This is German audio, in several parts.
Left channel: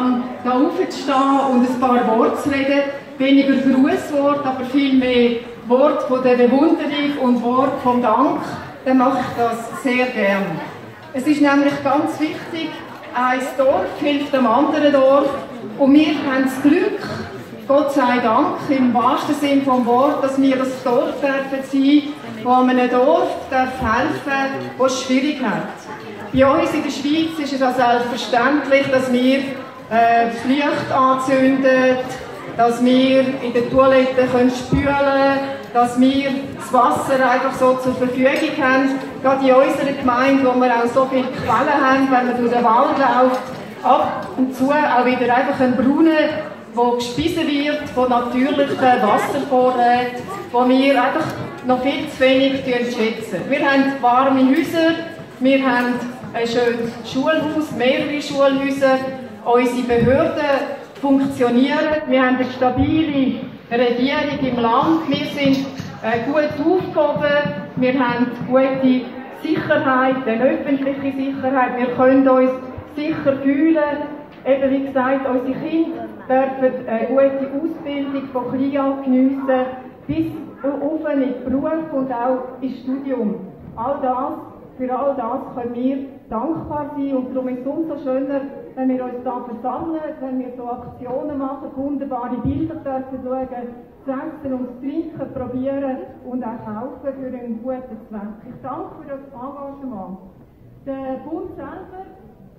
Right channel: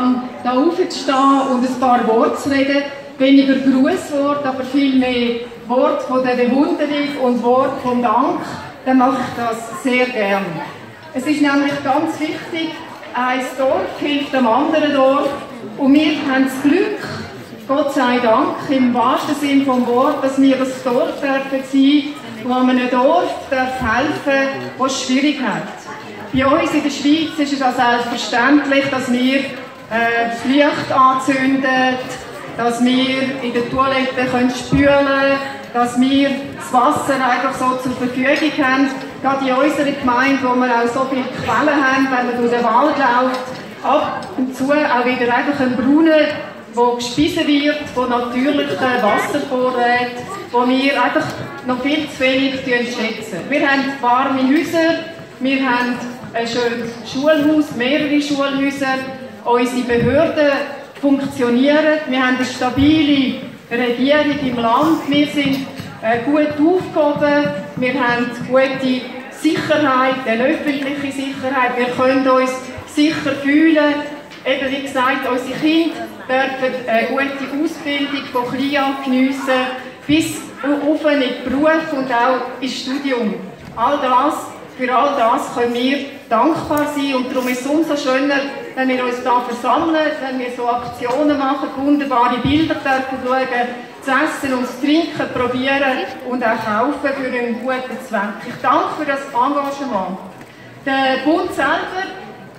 habe, da aufzustehen und ein paar Worte zu reden. Weniger Grußworte, aber viel mehr Worte von der Bewunderung und Worte vom Dank. Dann mache ich das sehr gerne. Es ist nämlich ganz wichtig, ein Dorf hilft dem anderen Dorf. Und wir haben das Glück, Gott sei Dank, im wahrsten Sinne des Wortes, dass wir ein Dorf dürfen sein, wo einem Dorf helfen darf, das es schwierig hat. Bei uns in der Schweiz ist es auch selbstverständlich, dass wir das Licht anzünden, dass wir in der Toilette spülen können, dass wir das Wasser einfach so zur Verfügung haben. Gerade in unserer Gemeinde, wo wir auch so viele Quellen haben, wenn man durch den Wald läuft, ab und zu auch wieder einfach ein Brunnen, der gespeisen wird von natürlichen Wasservorräten, wo wir einfach noch viel zu wenig schätzen. Wir haben warme Häuser, wir haben ein schönes Schulhaus, mehrere Schulhäuser, unsere Behörden funktionieren, wir haben eine stabile Regierung im Land, wir sind gut aufgehoben, wir haben gute Sicherheit, eine öffentliche Sicherheit, wir können uns sicher fühlen. Eben wie gesagt, unsere Kinder dürfen eine gute Ausbildung von klein an geniessen, bis auf in den Beruf und auch ins Studium. Für all das können wir dankbar sein und darum ist es umso schöner, wenn wir uns hier versammeln, wenn wir so Aktionen machen, wunderbare Bilder dürfen schauen, zu essen und zu trinken, probieren und auch kaufen für einen guten Zweck. Ich danke für das Engagement. Der Bund selber,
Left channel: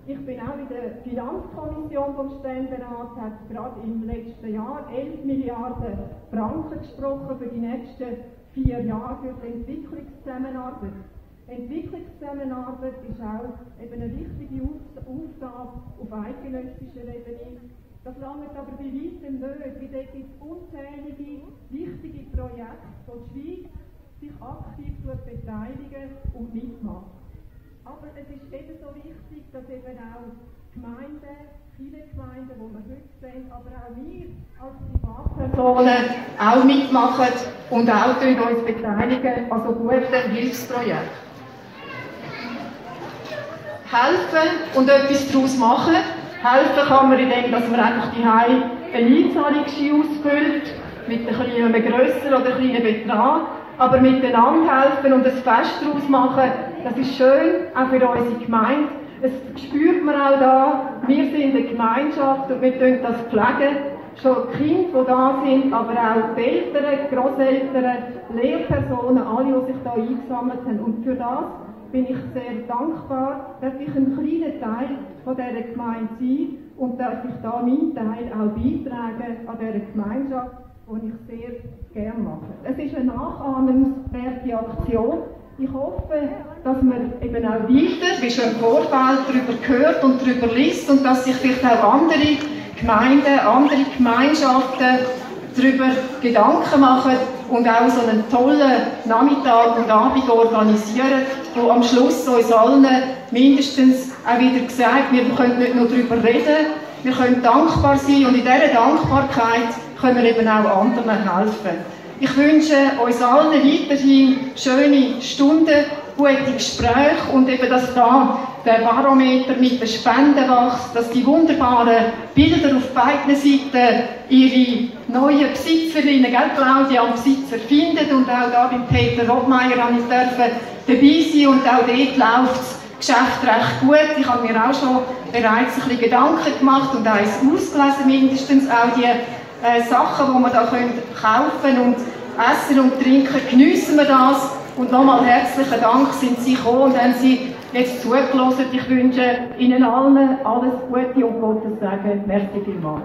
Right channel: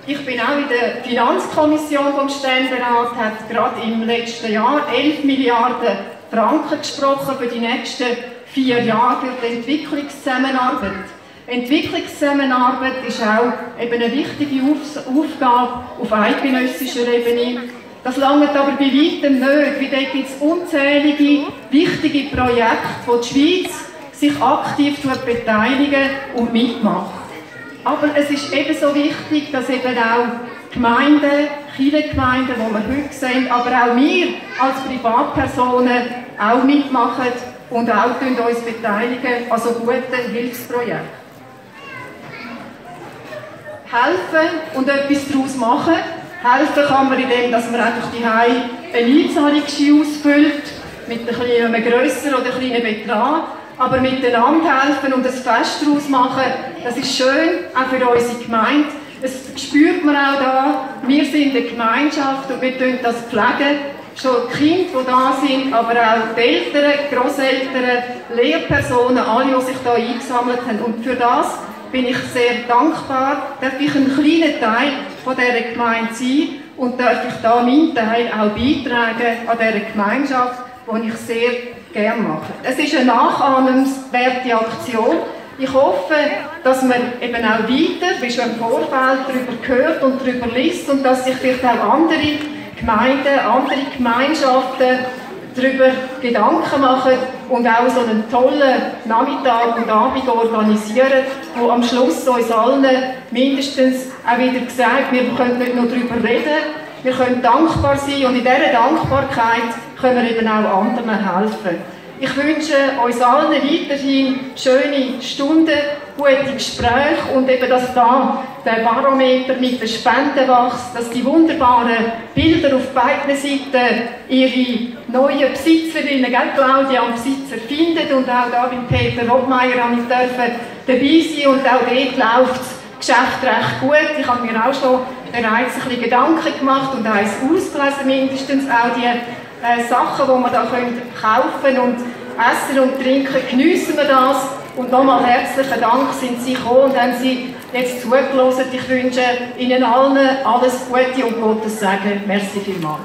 ich bin auch in der Finanzkommission vom Ständerat, hat gerade im letzten Jahr 11 Milliarden Franken gesprochen für die nächsten 4 Jahre für die Entwicklungszusammenarbeit. Entwicklungszusammenarbeit ist auch eben eine wichtige Aufgabe auf eidgenössischer Ebene. Das langt aber bei weitem nicht, weil dort gibt es unzählige wichtige Projekte, wo die Schweiz sich aktiv beteiligen und mitmacht. Aber es ist ebenso wichtig, dass eben auch Gemeinden, Kirchengemeinden, die wir heute sehen, aber auch wir als Privatpersonen auch mitmachen und auch uns beteiligen an so guten Hilfsprojekten. Helfen und etwas daraus machen. Helfen kann man, indem man einfach die eine Einzahlungsschein ausfüllt, mit einem grösseren oder kleinen Betrag. Aber miteinander helfen und ein Fest daraus machen, das ist schön, auch für unsere Gemeinde. Das spürt man auch da. Wir sind eine Gemeinschaft und wir pflegen das. Schon die Kinder, die da sind, aber auch die Eltern, die Grosseltern, Lehrpersonen, alle, die sich hier eingesammelt haben. Und für das bin ich sehr dankbar, darf ich ein kleiner Teil von dieser Gemeinde sein und darf ich da meinen Teil auch beitragen an dieser Gemeinschaft, die ich sehr gerne mache. Es ist eine nachahmenswerte Aktion. Ich hoffe, dass man eben auch weiter, wie schon im Vorfeld, darüber hört und darüber liest und dass sich vielleicht auch andere Gemeinden, andere Gemeinschaften darüber Gedanken machen und auch so einen tollen Nachmittag und Abend organisieren, wo am Schluss uns allen mindestens auch wieder gesagt, wir können nicht nur darüber reden, wir können dankbar sein und in dieser Dankbarkeit können wir eben auch anderen helfen. Ich wünsche uns allen weiterhin schöne Stunden, gute Gespräche und eben, dass da der Barometer mit den Spenden wächst, dass die wunderbaren Bilder auf beiden Seiten ihre neuen Besitzerinnen, Claudia, Besitzer finden und auch da beim Peter Rottmeier dürfen dabei sein und auch dort läuft das Geschäft recht gut. Ich habe mir auch schon bereits ein bisschen Gedanken gemacht und eins ausgelesen, mindestens auch die Sachen, die wir da kaufen können und essen und trinken, geniessen wir das. Und nochmal herzlichen Dank, sind Sie gekommen und haben Sie jetzt zugelassen. Ich wünsche Ihnen allen alles Gute und Gottes Segen. Merci vielmals.